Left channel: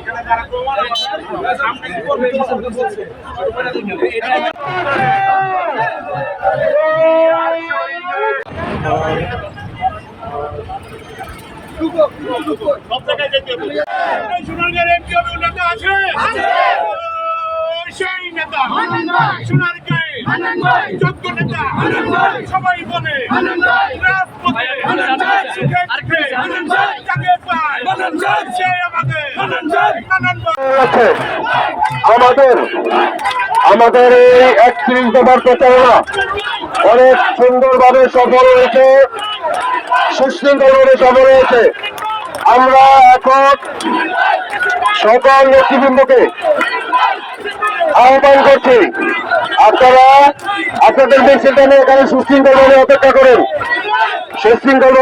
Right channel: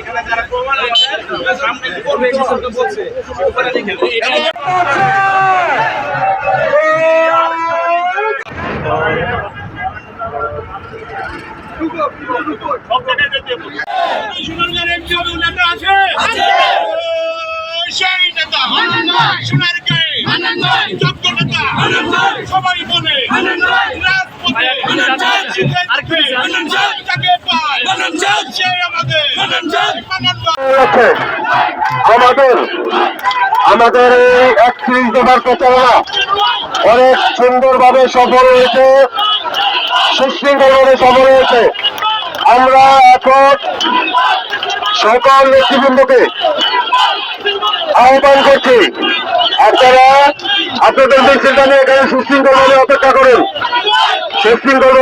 এখানে যারা প্রমাণ সামনে কি করবে বলছে সবাই বলে রাজপথে আমাদের এই 31 দফার প্রচারণা অনেক সুন্দরভাবে সফল হয়েছে, সুশৃঙ্খলভাবে সফল হয়েছে। আমরা এখন সকল নেতৃবৃন্দকে আহ্বান করছি, আপনারা আপনাদের মিছিলটা নিয়ে এখানে সুশৃঙ্খলভাবে অপেক্ষা করেন। সুশৃঙ্খল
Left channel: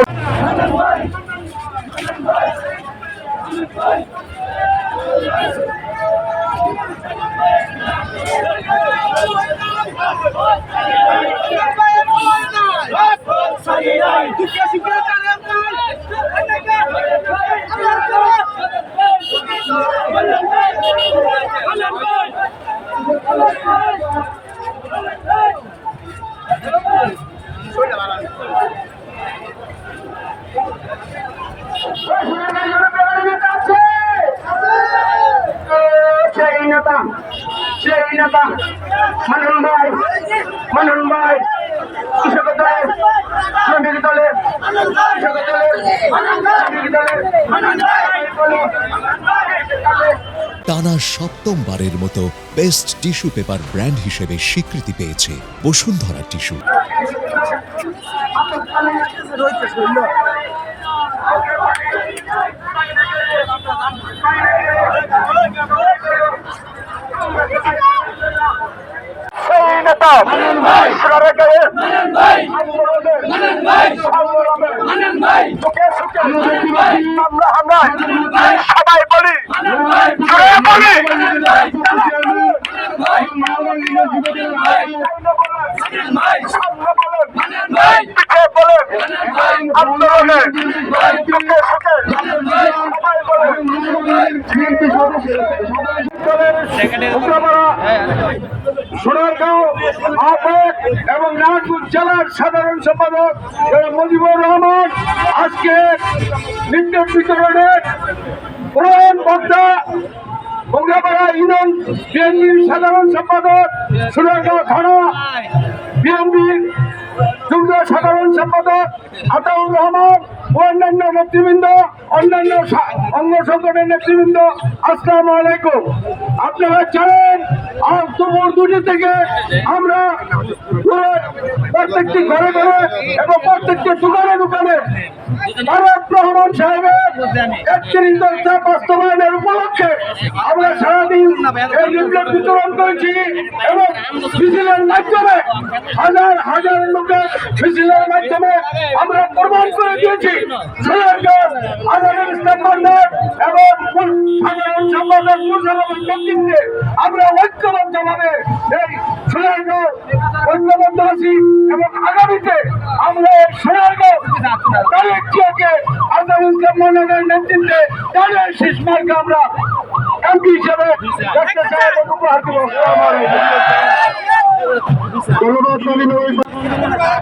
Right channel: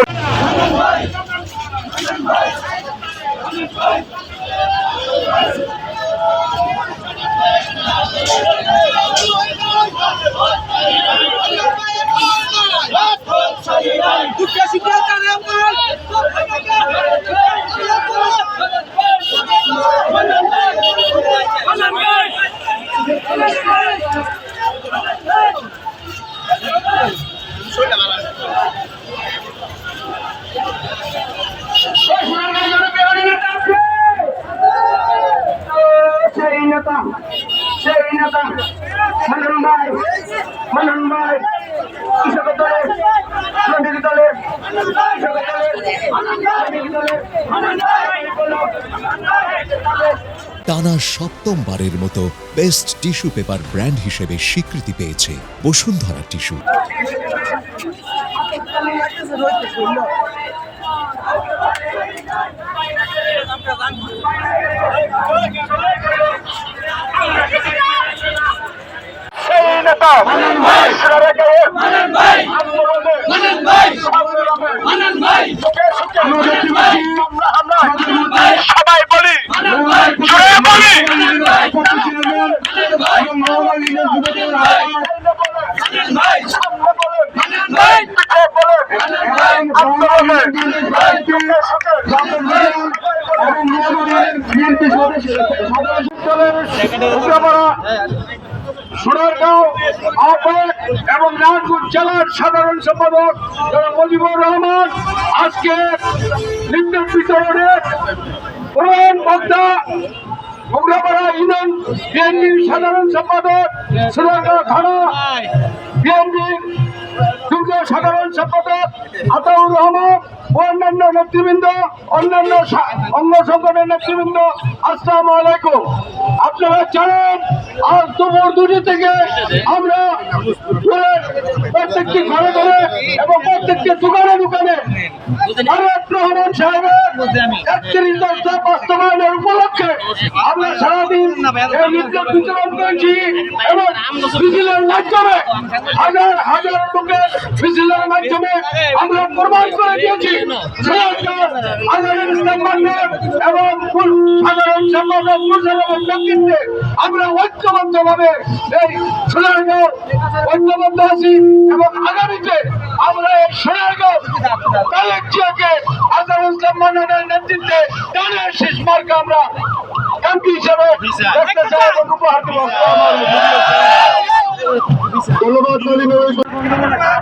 সেই নেতা মানন ভাই কৃষক দলের টানা সপ্তমবারের মতো বেস্ট টিস্যু পেপার ব্র্যান্ড হিসেবে স্বীকৃতি পেয়েছে বসুন্ধরা টিস্যু। সবাই বলি জোরে বলি সোনারগাঁও আহ্বায়ক এবং নারায়ণগঞ্জ জেলার সাধারণ সম্পাদক মুজিবুর রহমান আজকে লিফলেট বিতরণের প্রধান বক্তা মোগরাপাড়া ইউনিয়ন বিএনপির সাধারণ সম্পাদক সোনারগাঁও থানা বিএনপির যুগ্ম সাধারণ সম্পাদক আতাউর রহমান ও অন্যান্য নেতৃবৃন্দ, অন্যান্য অঙ্গ সংগঠনের নেতৃবৃন্দ, আসসালামু আলাইকুম। আপনারা জানেন আজ দুপুর 2টা থেকে আমরা প্রত্যেকটি ঘরে ঘরে এবং প্রত্যেকটি দোকানে দোকানে তারেক রহমান সাহেবের 31 দফা বাস্তবায়নের উপলক্ষে আমরা সারাদিন লিফলেট বিতরণ করেছি এবং মিছিলের মাধ্যমে হাজার হাজার লোকের মিছিলের মাধ্যমে আমরা প্রমাণ করে দিয়েছি এবং সাধারণ সম্পাদক মুসলমান নেতৃত্বে আমরা ঐক্যবদ্ধভাবে এই সোনারগাঁও ঐক্যবদ্ধ আছি এবং আগামীতে আমরা এই সোনারগাঁও কালেকটিয়াকে আজহারুল ইসলাম মান্নানের নেতৃত্বে তাদের শেষ মার্কে আমরা এমপি হিসেবে দেখতে চাই এবং উপহার দেব। ধন্যবাদ।